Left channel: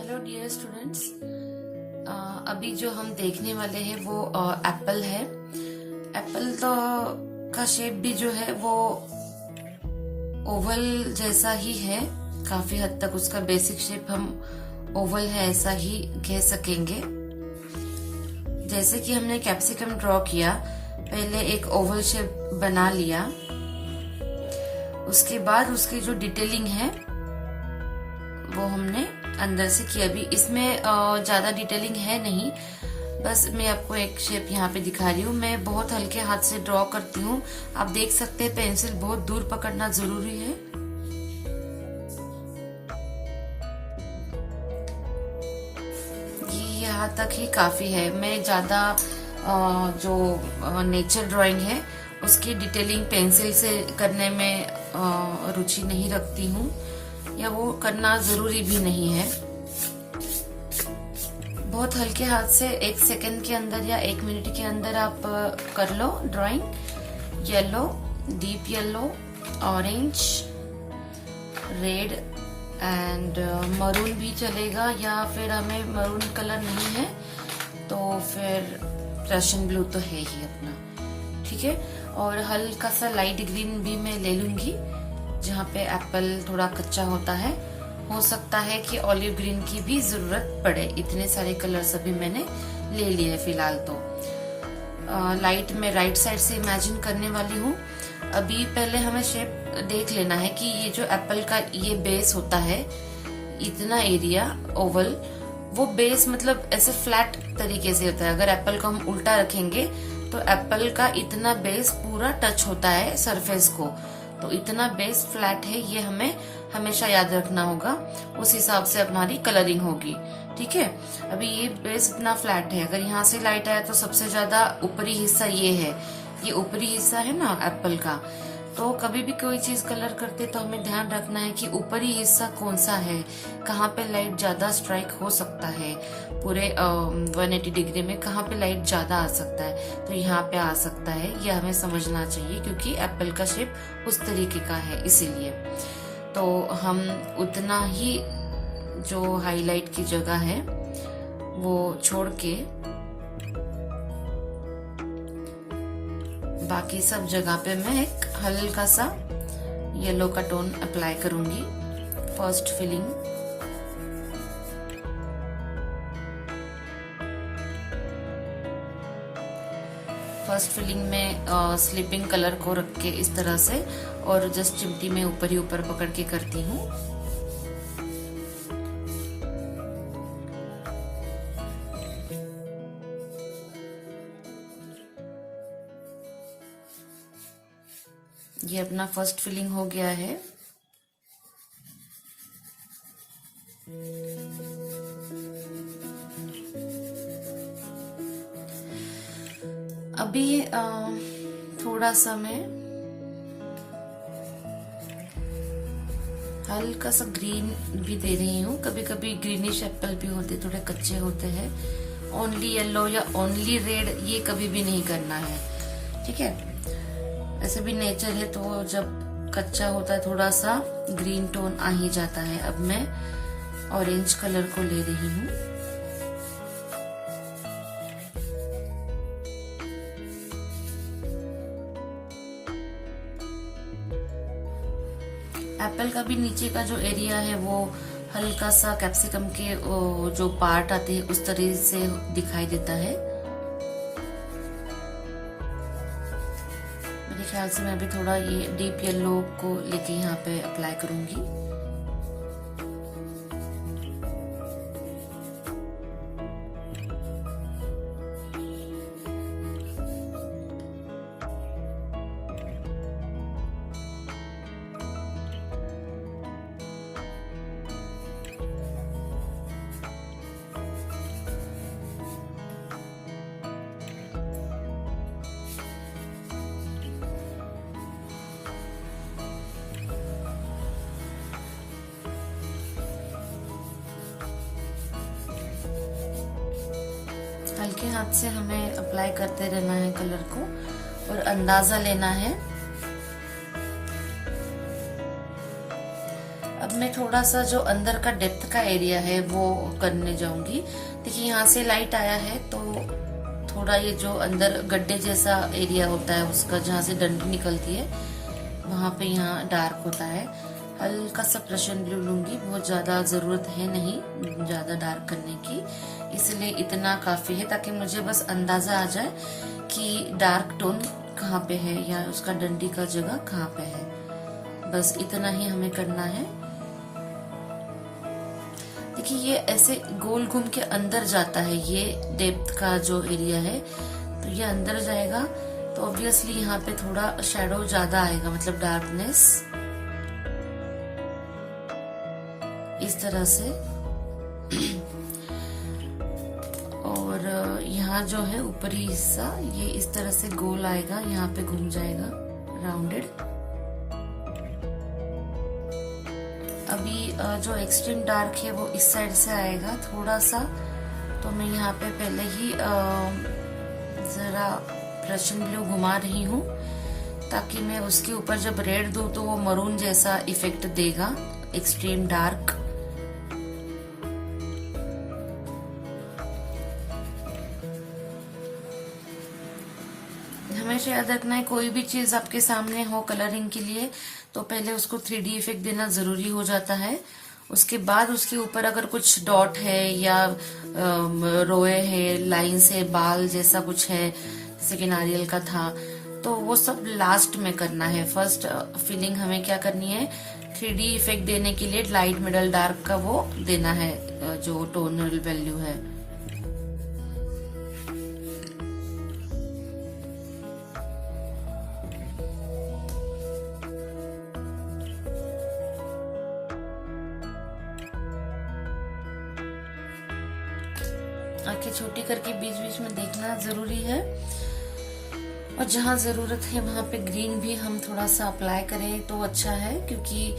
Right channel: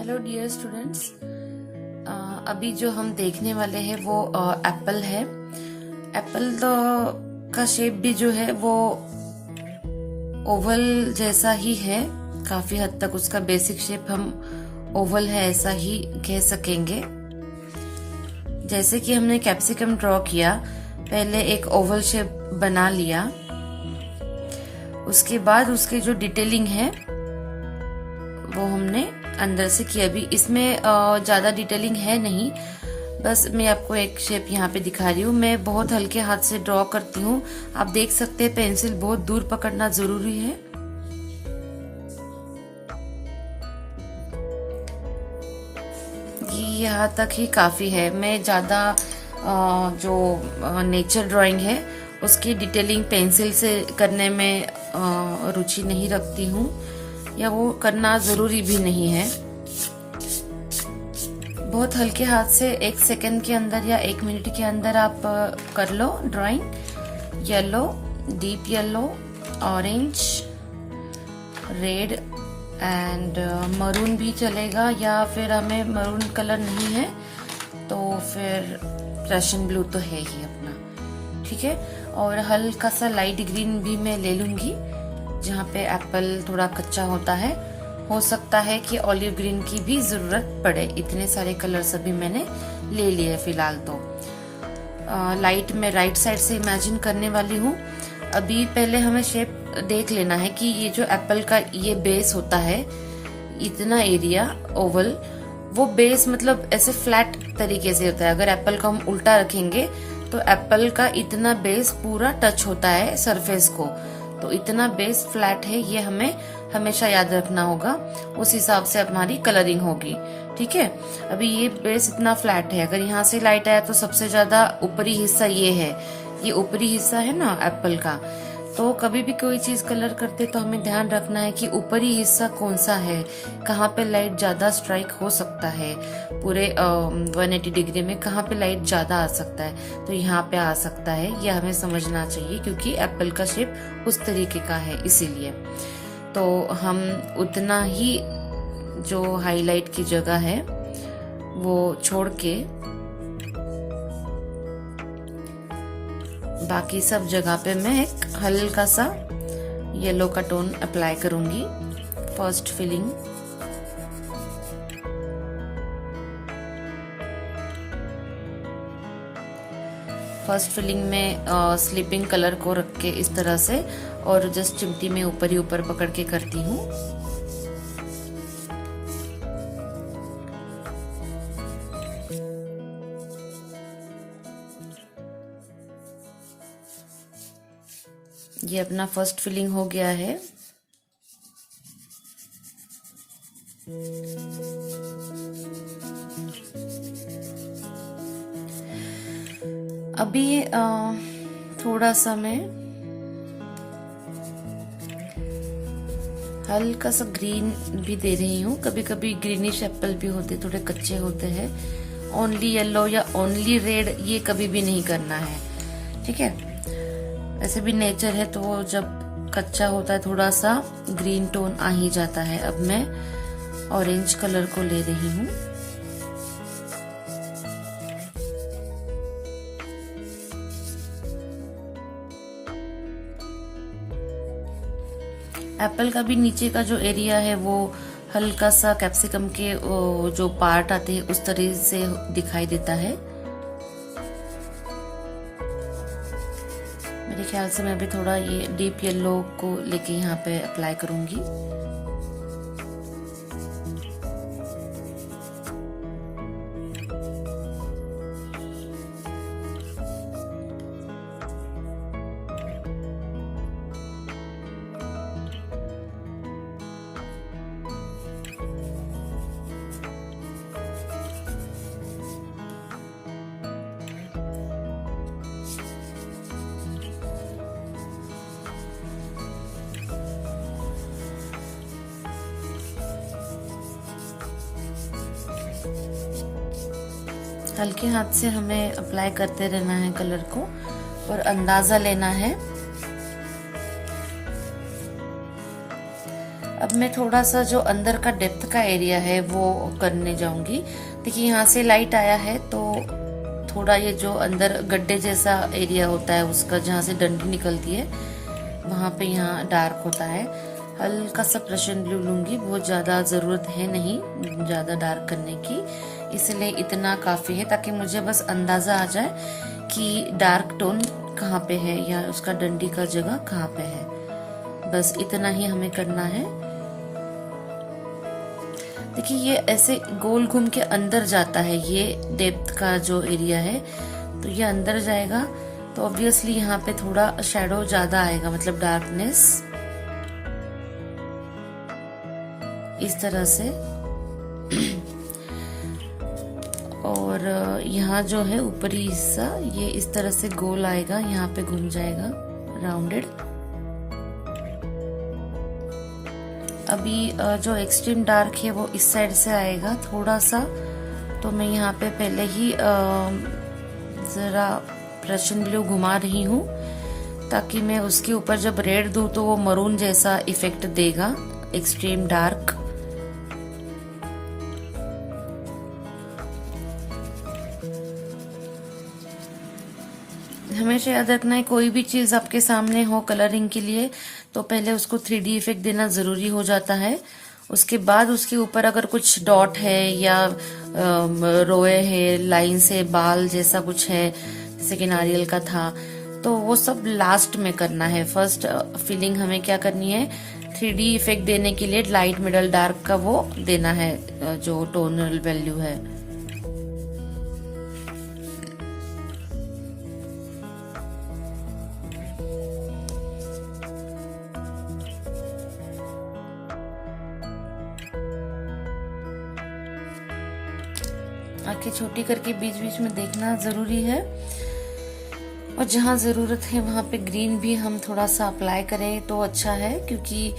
Hello dear students. अभी जो हम देखने वाले हैं वो एप्पल है। एप्पल का शेप भी जो है वो ओवल जैसा ही है। काफी हद तक उसका बेसिक शेप हम ओवल है ऐसा ही कह सकेंगे। जैसे कि हमने कैप्सिकम ड्रॉ किया, पहले एक ओवल शेप बना लिया, उसके बाद उसकी जो डिटेलिंग है वो हमने अंदर से किया। अभी इसमें ज्यादा डिटेलिंग है नहीं, बस मैं आपको एक शेप यहाँ पे दिखा रही हूँ। मैं बहुत हल्के हाथ से ड्रॉ करती हूँ। आप देख सकते हैं पेंसिल बहुत दूर पकड़ना जरूरी है। ये यहाँ तक ही काफी है। मैं ज्यादा जो नेचर ड्राइंग है उसकी डिटेलिंग पेंसिल से करने में रुचि नहीं रखती हूँ, या वो करना जरूरी भी नहीं है। बहुत हल्के हाथ से 1 सेकंड के अंदर या 1 मिनट के अंदर आप कर लो drawing. Yellow, deep yellow, orange, red and maroon भी चलेगा, या फिर हमें मरून कलर नहीं है तो फिर रशियन ब्लू तो है ही अपना, ठीक है। और हल्का सा लाइट ग्रीन भी मैं ले लूंगी जहाँ पे एप्पल थोड़ा कच्चा होता है। हो सकता है कि ऑलिव ग्रीन की भी जरूरत पड़े। इतने सारे कलर्स अभी मैंने ले लिए फिलहाल तो। लाइट में राइट साइड से इमेजिन करने वाली हूँ। अभी पहले हमें शेप देख लेना है कि ये जो एप्पल का ये बेस होता है, इतना एरिया ओवल, वो बेस मतलब ऐसे फ्लैट तरीके से होता है। अगर एप्पल को हम उल्टा रखेंगे तो एप्पल का इतना बेस पूरा टच होता है सरफेस को, तो इतना बेस फ्लैट है, ये हमें हमेशा याद रखना होगा। उस हिसाब से हमारी कलरिंग होगी, ठीक है। अभी ये बेस इतना फ्लैट है, अगर यहाँ से लाइट आया तो सबसे ज्यादा ऊपरी हिस्सा ये है, ये ऊपरी हिस्सा है ना एप्पल का। तो कभी भी कोई चीज कलर करते तो हमें ध्यान रखना है कि ऊपरी हिस्सा कौन सा है, कहाँ पे लाइट ज्यादा स्ट्राइक हो सकता है, पूरे 180 डिग्री में कहाँ पे लाइट ज्यादा आ सकता है, तो यहाँ पे आ सकता है। ये हमें समझना चाहिए क्योंकि एप्पल का शेप उस तरीके का है, इसीलिए तो हम उतना ही जो हाईलाइट की जगह है वो छोड़ के बाकी सब जगह पे मैं एक हल्का सा येलो का टोन अप्लाई करूंगी। फर्स्ट फिलिंग में स्लीपिंग कलर को रख के इस तरह से, और जस्ट चिमटी में ऊपर ही ऊपर पकड़ के करती हूँ। ये अपना फर्स्ट फिलिंग हो गया है। अभी थोड़ा सा मैं हल्का सा ग्रीन भी दे रही हूँ। कभी कभी ग्रीनिश एप्पल भी होते, थोड़े कच्चे होते हैं। ओनली येलो या ओनली रेड ये कभी भी नहीं करना है, ठीक है। ऐसे भी नेचर है तो जब कच्चा होता है थोड़ा सा ग्रीन टोन आ ही जाता है। अब मैं ऑरेंज कलर को ले रही हूँ। एप्पल का भी नीचे का जो एरिया है वो हल्का सा कैप्सिकम के जो पार्ट आते हैं उस तरह से दिखाई देता है। मेरे ख्याल से मैं भी थोड़ा ये डीप येलो को लेके यहाँ पे अप्लाई करूंगी। हल्के हाथ से हमें अप्लाई करते रहना है कलर को, और अंदाजा लेना है। अब मैं थोड़ा सा जो अंदर का डेप्थ का एरिया है वो करने जाऊंगी। देखिए यहाँ से लाइट आया है तो थोड़ा ये जो अंदर गड्ढे जैसा एरिया होता है उसका, जहाँ से डंडी निकलती है, वहां पे यहाँ डार्क होता है। हल्का सा प्रशन ब्लू लूंगी, बहुत ज्यादा जरूरत है नहीं ज्यादा डार्क करने की, इसलिए इतना काफी है ताकि मुझे बस अंदाजा आ जाए कि डार्क टोन कहाँ पे है या उसका डंडी का जगह कहाँ पे है। बस इतना ही हमें करना है। देखिए ये ऐसे गोल घूम के अंदर जाता है, ये डेप्थ का जो एरिया है, तो ये अंदर जाएगा तो ऑब्वियसली यहाँ पे थोड़ा शैडो ज्यादा आएगा, मतलब डार्कनेस इस तरह से। और यहाँ जो है ऊपरी हिस्सा ये इस तरह से गोल आएगा, यहाँ पे घूम जाएगा राउंडेड। अभी जो एक्सट्रीम डार्क है वो इस साइड से आएगा थोड़ा सा, तो मैं यहाँ पे पहले ही जरा प्रशन ब्लू घुमा रही हूँ ताकि मैं उसके ऊपर जब रेड दूं तो वो मरून जैसा इफेक्ट देगा, एक्सट्रीम डार्क। हमेशा याद रखना है, कोई भी चीज आपके सामने हो कलरिंग के लिए तो पहले उसको 3D इफेक्ट देना जरूरी हो जाता है। उसके बाद उसके ऊपर अगर कुछ डॉट है या रोए है, लाइंस है, बाल जैसा कुछ है, जैसे कि नारियल का था, तो वो सब लास्ट में करना है। फर्स्ट फीलिंग हमें क्या करनी है, 3D इफेक्ट देने के लिए लाइट मिडल डार्क का वो देना है, जो टोनल वैल्यू है। आंखें छोटी करके बीच बीच में देखना जरूरी है, और जहां जरूरत है वहां पे ग्रीन भी हम थोड़ा सा अप्लाई करें तो अच्छा है, क्योंकि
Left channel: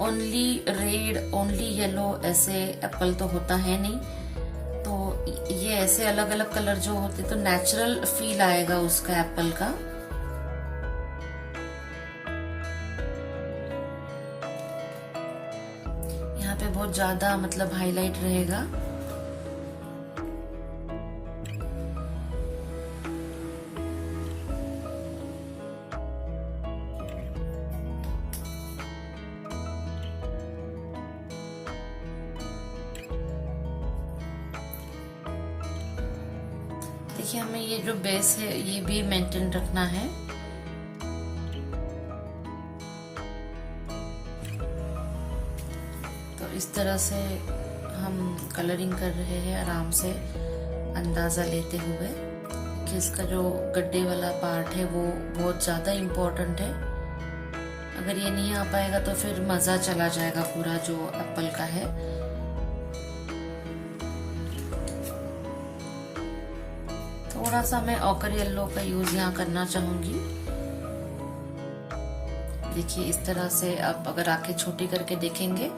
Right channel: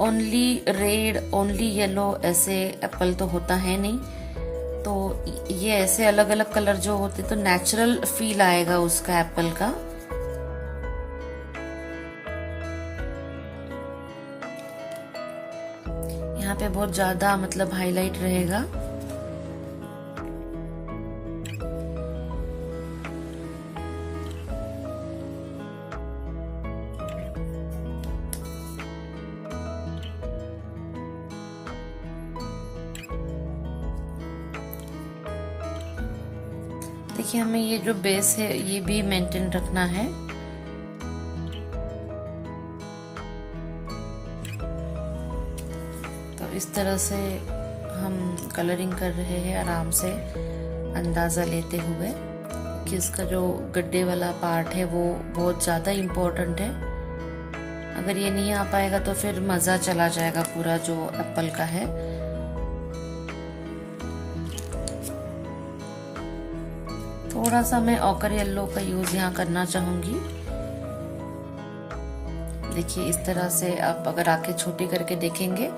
ओनली रेड ओनली येलो ऐसे एप्पल तो होता है नहीं, तो ये ऐसे अलग अलग कलर जो होते तो नेचुरल फील आएगा उसका एप्पल का। यहाँ पे बहुत ज्यादा मतलब हाईलाइट रहेगा। देखिए हमें ये जो बेस है ये भी मेंटेन रखना है। तो इस तरह से हम कलरिंग कर रहे हैं आराम से, अंदाजा लेते हुए कि इसका जो गड्ढे वाला पार्ट है वो बहुत ज्यादा इम्पोर्टेंट है। अगर ये नहीं आ पाएगा तो फिर मजा चला जाएगा पूरा जो एप्पल का है। थोड़ा सा मैं ऑकर येलो का यूज यहाँ करना चाहूंगी। देखिए इस तरह से आप अगर आंखें छोटी करके देखेंगे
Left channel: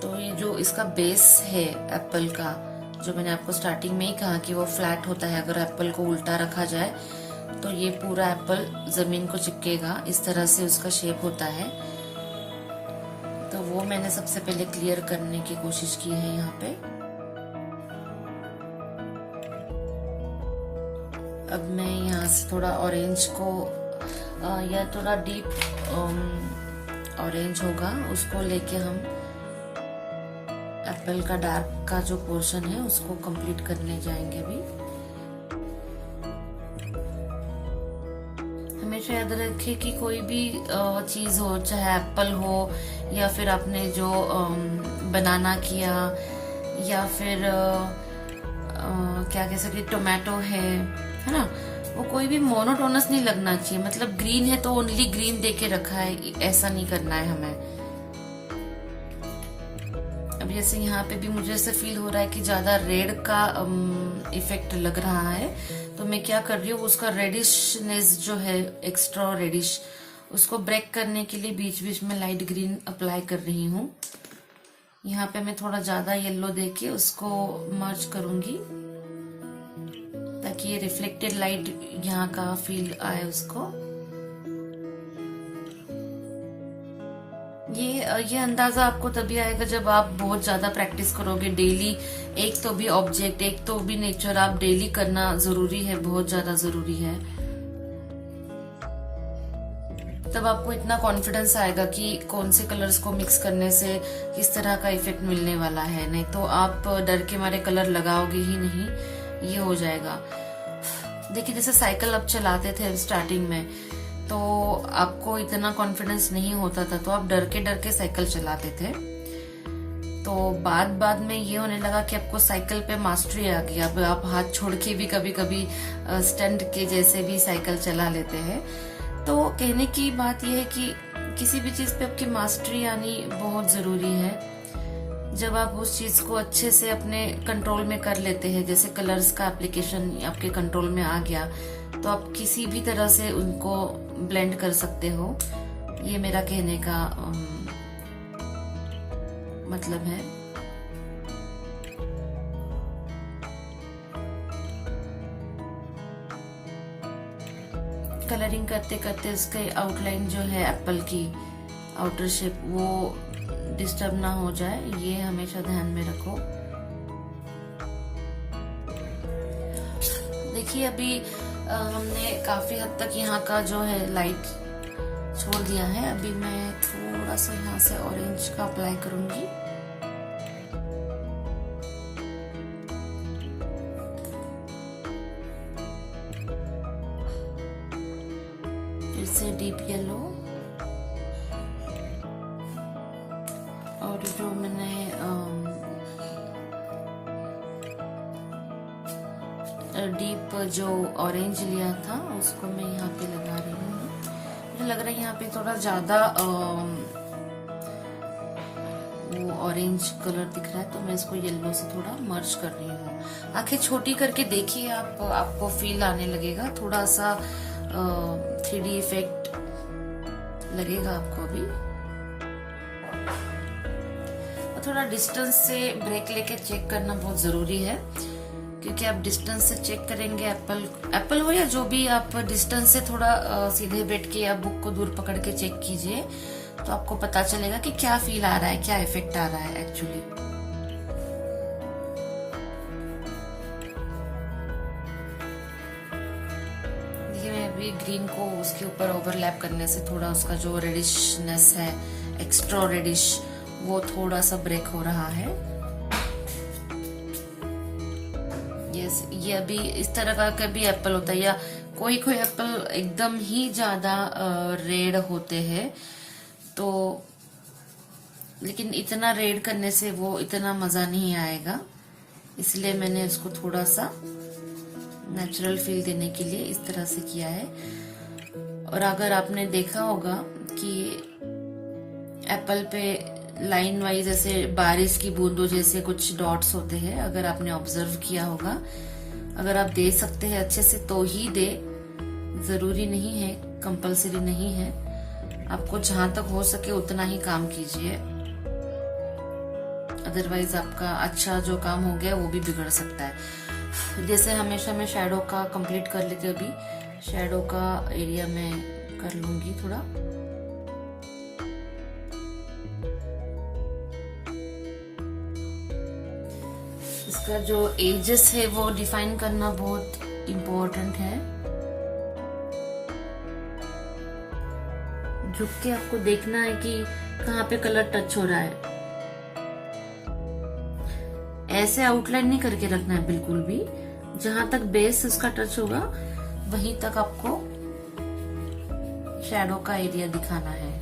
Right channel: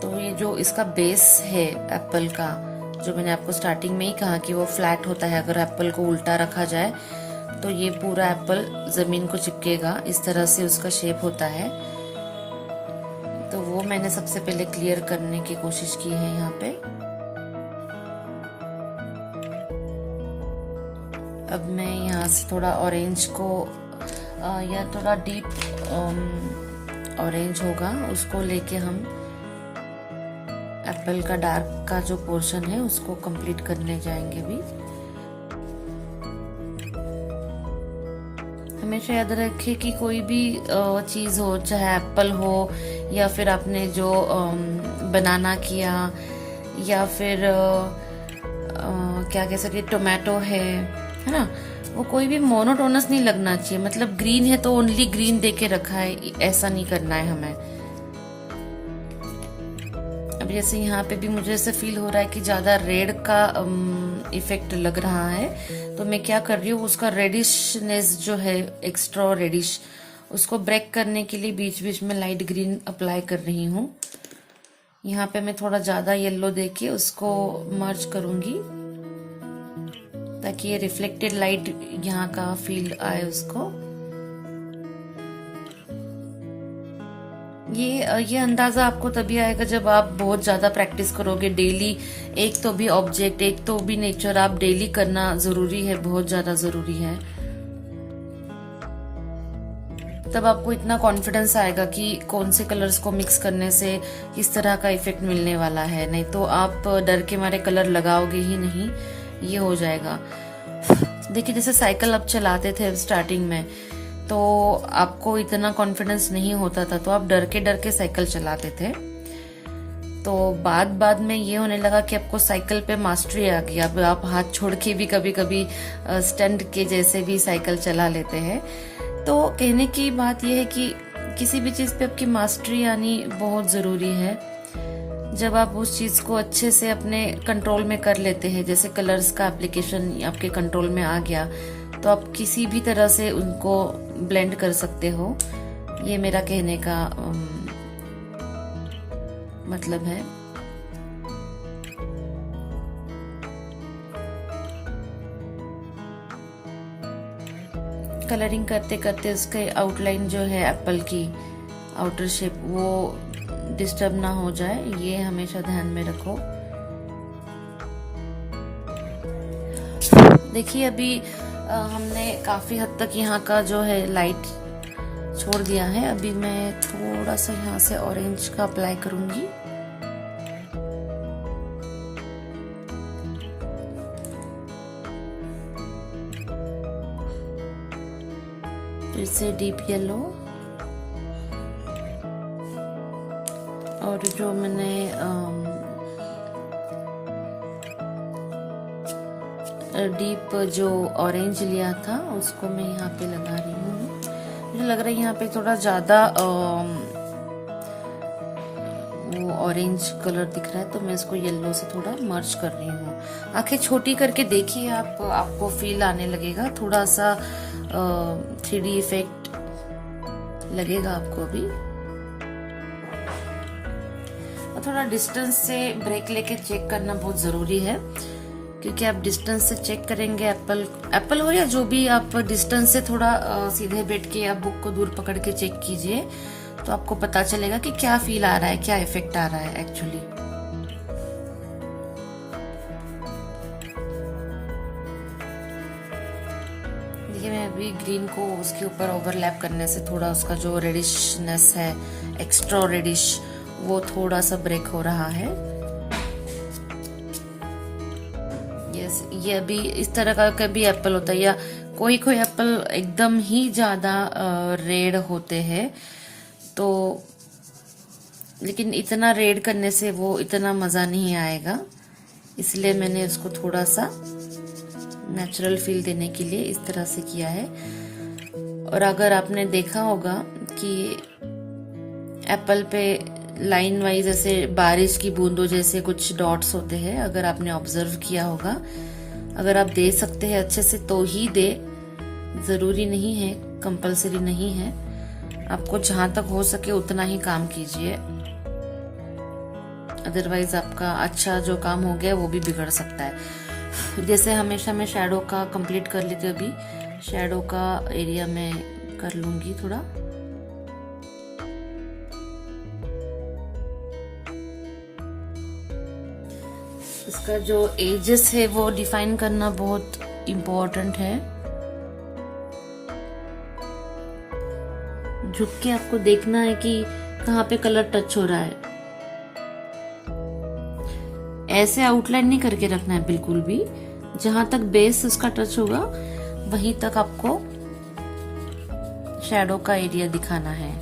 तो ये जो इसका बेस है एप्पल का, जो मैंने आपको स्टार्टिंग में ही कहा कि वो फ्लैट होता है, अगर एप्पल को उल्टा रखा जाए तो ये पूरा एप्पल जमीन को चिपकेगा, इस तरह से उसका शेप होता है। तो वो मैंने सबसे पहले क्लियर करने की कोशिश की है यहाँ पे। अब मैं यहाँ से थोड़ा ऑरेंज को या थोड़ा डीप ऑरेंज होगा उसको लेके हम एप्पल का डार्क का जो पोर्शन है उसको कंप्लीट करने जाएंगे भी। हमेशा याद रखिए कि कोई भी चीज हो, चाहे एप्पल हो या फिर आपने जो बनाना किया या फिर क्या कह सकते टोमेटो है ना, वो कोई भी मोनोटोनस नहीं लगना चाहिए। मतलब ग्रीन है तो ओनली ग्रीन देके रखा है, ऐसा नहीं करना है हमें। अब जैसे यहाँ पे भी मुझे ऐसा फील हो रहा है कि ज्यादा रेड का इफेक्ट लग रहा है, तो मैं क्या कर रही हूँ, उसका रेडिशनेस जो है एक्स्ट्रा रेडिश, उसको ब्रेक करने के लिए बीच बीच में लाइट ग्रीन अप्लाई कर रही हूँ। यहाँ पे मैं थोड़ा ज्यादा येलो देके उसको मर्ज करूंगी ताकि ये रिफ्लेक्टेड लाइट यहाँ का फील आए उसको। ये अंदाजा आपको तभी आएगा जब आप बहुत ज्यादा प्रैक्टिस करोगे डेली। एक तो भी ऑब्जेक्ट, एक तो भी नेचर आप डेली करना जरूरी है, बहुत ज्यादा जरूरी है। तब आपको इतना कॉन्फिडेंस आएगा कि कौन से कलर्स को मिक्स करने से किस तरह का इफेक्ट मिलने वाला है। नहीं तो आप डर के मारे कलर लगाओगे ही नहीं, ये हो जाएगा। देखिए जैसे साइकिल आप चलाते थे स्टार्टिंग में, तो आपको इतना कॉन्फिडेंस नहीं होता था, तो आप डर के साइकिल चलाते थे। तो बाद में ये होने लगा कि आपको साइकिल पे मास्टरी आ गई। अब आप हाथ छोड़ के भी कभी कभी स्टंट के जैसे भी साइकिल चला लेते हैं। तो कहने की बात यह है कि किसी भी चीज पे आपकी मास्टरी आनी बहुत जरूरी है। जब आप उस चीज को अच्छे से अपने कंट्रोल में कर लेते हैं, जैसे कलर्स का एप्लीकेशन आपके कंट्रोल में आ गया, तो आप किसी भी तरह से उनको ब्लेंड कर सकते हो। ये मेरा कहने का मतलब है। कलरिंग करते करते उसके आउटलाइन जो है एप्पल की आउटर शेप, वो डिस्टर्ब ना हो जाए, ये हमेशा ध्यान में रखो। देखिए अभी हमने काफी हद तक यहाँ का जो है लाइट छोड़ दिया है। अभी मैं थोड़ा सा यहाँ से ऑरेंज का अप्लाई करूंगी। फिर से डीप येलो, और जो मैंने डीप जो ऑरेंज लिया था उसको मैं यहाँ पे लगा रही हूँ। मुझे लग रहा है यहाँ पे थोड़ा ज्यादा वो ऑरेंज कलर दिख रहा है, तो मैं इसको येलो से थोड़ा मर्ज कर रही हूँ। आंखें छोटी करके देखिए आप, आपको फील आने लगेगा, थोड़ा सा 3D इफेक्ट लगेगा आपको भी। थोड़ा डिस्टेंस से ब्रेक लेके चेक करना बहुत जरूरी है, क्योंकि आप डिस्टेंस से चेक करेंगे, एप्पल हो या जो भी, आप डिस्टेंस से थोड़ा सीधे बैठ के या बुक को दूर पकड़ के चेक कीजिए, तो आपको पता चलेगा कि क्या फील आ रहा है, क्या इफेक्ट आ रहा है एक्चुअली। देखिए मैं अभी ग्रीन को उसके ऊपर ओवरलैप करने से थोड़ा उसका जो रेडिशनेस है, एक्स्ट्रा रेडिश, वो थोड़ा सा ब्रेक हो रहा है। ये अभी इस तरह का कभी एप्पल होता है, या कोई एप्पल एकदम ही ज्यादा रेड होते हैं, तो लेकिन इतना रेड करने से वो इतना मजा नहीं आएगा, इसलिए मैंने उसको थोड़ा सा नेचुरल फील देने के लिए इस तरह से किया है। और अगर आपने देखा होगा कि एप्पल पे लाइन वाइज ऐसे बारिश की बूंदों जैसे कुछ डॉट्स होते हैं, अगर आपने ऑब्जर्व किया होगा, अगर आप दे सकते हैं अच्छे से तो ही दे, जरूरी नहीं है, कंपलसरी नहीं है। आपको जहां तक हो सके उतना ही काम कीजिए, अदरवाइज आपका अच्छा जो काम हो गया वो भी बिगड़ सकता है। जैसे हमेशा मैं शैडो का कंप्लीट कर लेती हूँ, अभी शैडो का एरिया में कर लूंगी थोड़ा। इसका जो एजेस है वो डिफाइन करना बहुत इम्पोर्टेंट है। झुक के आपको देखना है कि कहाँ पे कलर टच हो रहा है। ऐसे आउटलाइन नहीं करके रखना है बिल्कुल भी, जहां तक बेस उसका टच होगा वहीं तक आपको शैडो का एरिया दिखाना है।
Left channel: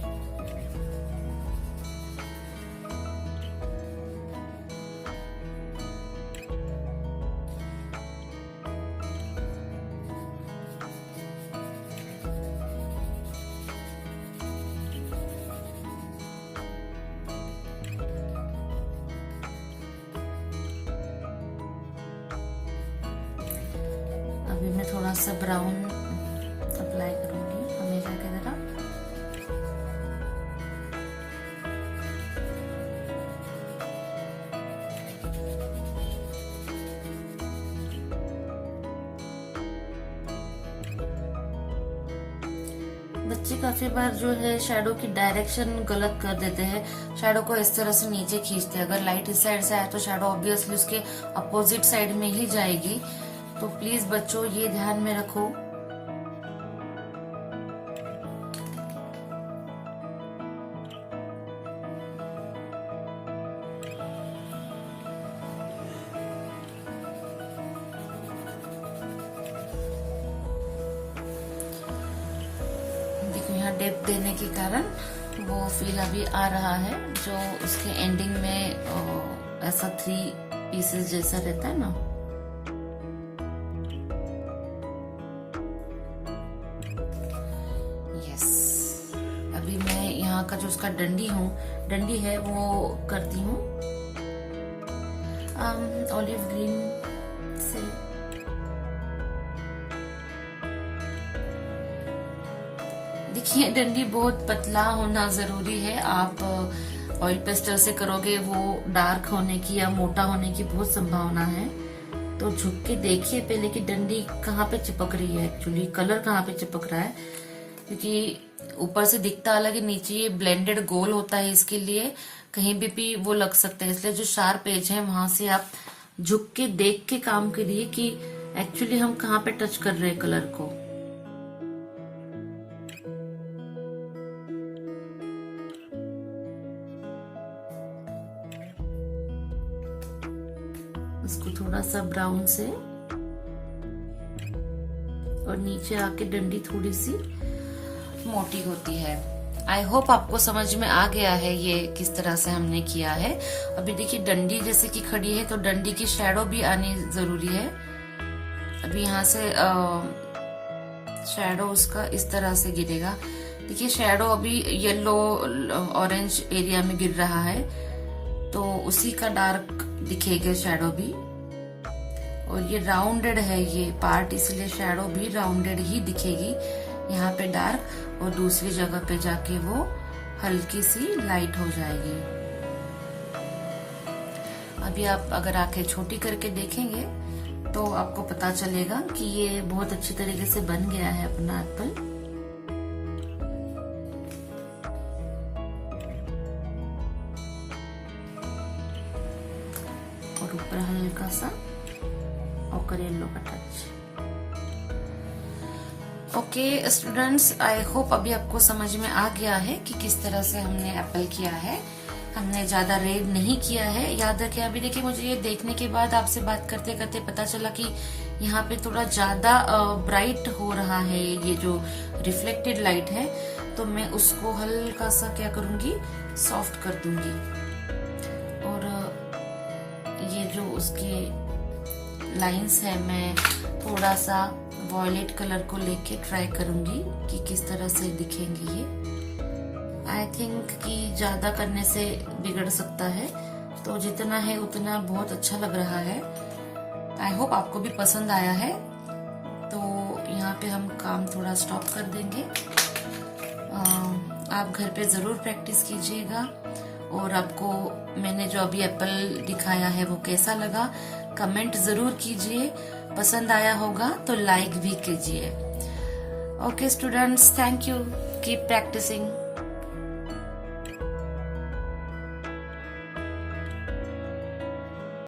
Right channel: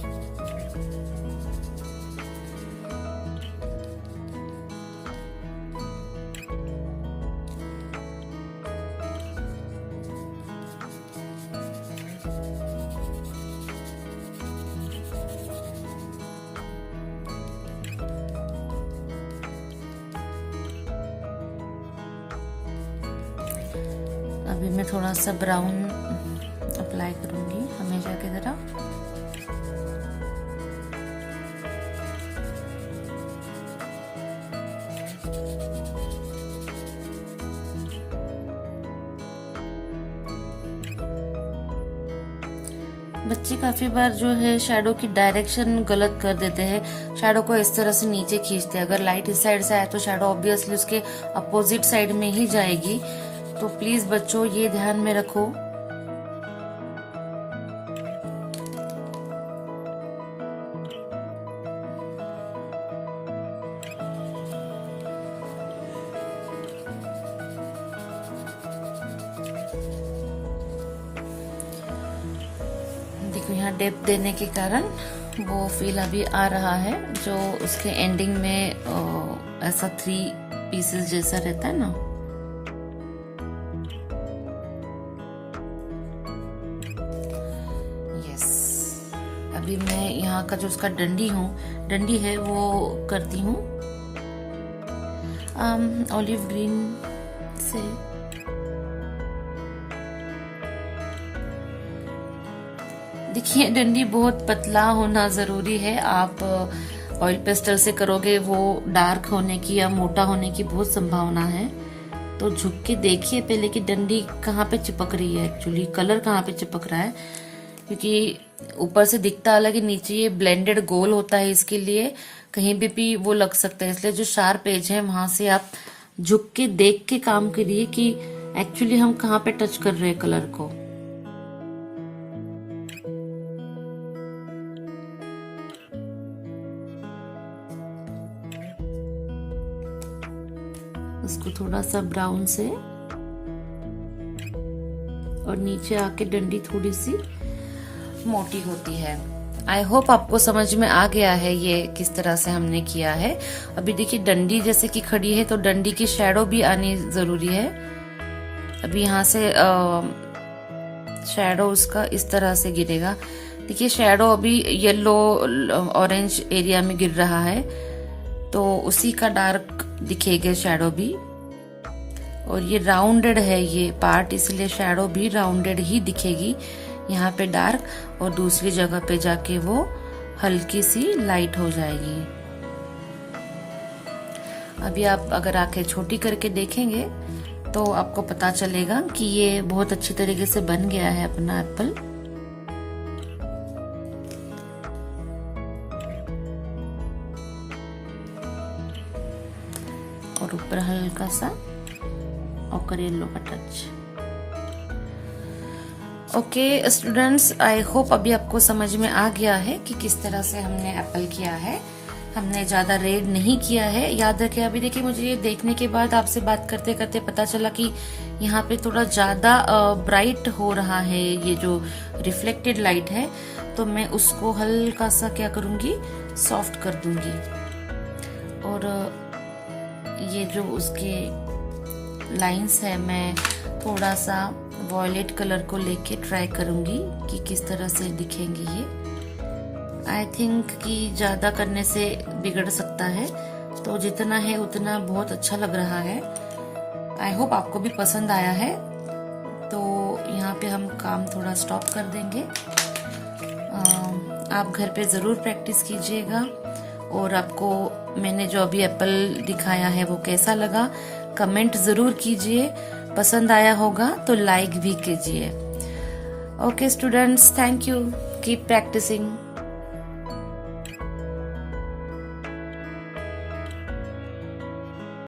अभी मैं थोड़ा सा ब्राउन अप्लाई करूंगी हमेशा की तरह। बच्चे काफी बार जो है शैडो की डायरेक्शन गलत कर देते हैं। शैडो को इस तरह से नीचे खींचते हैं। अगर लाइट इस साइड से आए तो शैडो ऑब्वियसली उसके अपोजिट साइड में ही जाएगी। तो प्लीज बच्चों ये ध्यान में रखो। देखो यहाँ डेप्थ देने के कारण वो फील अभी आ रहा है, जो उसके एंडिंग में ऐसा 3 पीसेस जैसा रहता है ना। यस, अभी मैं यहाँ का जो उसका डंडी है वो करती हूँ ऑलिव ग्रीन से। देखिए डंडी बहुत पतला होना जरूरी है। आप ऑयल पेस्टल से करोगे वो डार्क होने की या मोटा होने की बहुत संभावना है। तो झुक के देखिए पहले कि डंडी कहाँ पे चिपक रही है, एक्चुअली कलर कहाँ पे चिपक रहा है, क्योंकि ऊपर से दिखता अलग है, नीचे ये ब्लेंडेड गोल होता है, इसके लिए कहीं भी वो लग सकता है। इसलिए जो शार्प एज है वहां से आप झुक के देख के काम करिए कि एक्चुअली हम कहाँ पे टच कर रहे हैं कलर को। इसको थोड़ा सा ब्राउन से और नीचे आके डंडी थोड़ी सी मोटी होती है। आई होप आपको समझ में आ गया है ये किस तरह से हमने किया है। अभी देखिए डंडी जैसे कि खड़ी है तो डंडी की शैडो भी आनी जरूरी है। अभी यहाँ से शैडो उसका इस तरह से गिरेगा। देखिए शैडो अभी येलो ऑरेंज एरिया में गिर रहा है, तो उसी का डार्क दिखेगा शैडो भी। और ये राउंडेड है ये पार्ट, इसलिए शैडो भी राउंडेड ही दिखेगी। यहाँ पे डार्क और दूसरी जगह पे जाके वो हल्की सी लाइट हो जाएगी। अभी आप अगर आंखें छोटी करके देखेंगे तो आपको पता चलेगा कि ये बहुत अच्छी तरीके से बन गया है अपना एप्पल। और ऊपर हल्का सा ऑकर येलो का touch. Okay students, I hope अभी आपको समझ में आ गया है कि किस तरह से हमने एप्पल किया है। हमने ज्यादा रेड नहीं किया है। याद रखें, अभी देखिए मुझे ये देखने के बाद आपसे बात करते करते पता चला कि यहाँ पे थोड़ा ज्यादा ब्राइट हो रहा है ये जो रिफ्लेक्टेड लाइट है, तो मैं उसको हल्का सा क्या करूंगी, सॉफ्ट कर दूंगी। और ये जो उसके लाइंस है मैं थोड़ा सा वॉयलेट कलर को लेके ट्राई करूंगी कि किस तरह से दिखेंगी ये। आई थिंक कि ज्यादा करने से बिगड़ सकता है, तो जितना है उतना बहुत अच्छा लग रहा है। आई होप आपको भी पसंद आया है। तो यहाँ पे हम काम थोड़ा स्टॉप कर देंगे। आप घर पे जरूर प्रैक्टिस कीजिएगा। और आपको मैंने जो अभी एप्पल दिखाया है वो कैसा लगा कमेंट जरूर कीजिए। पसंद आया होगा तो लाइक भी कीजिए। Okay students, thank you, keep practising.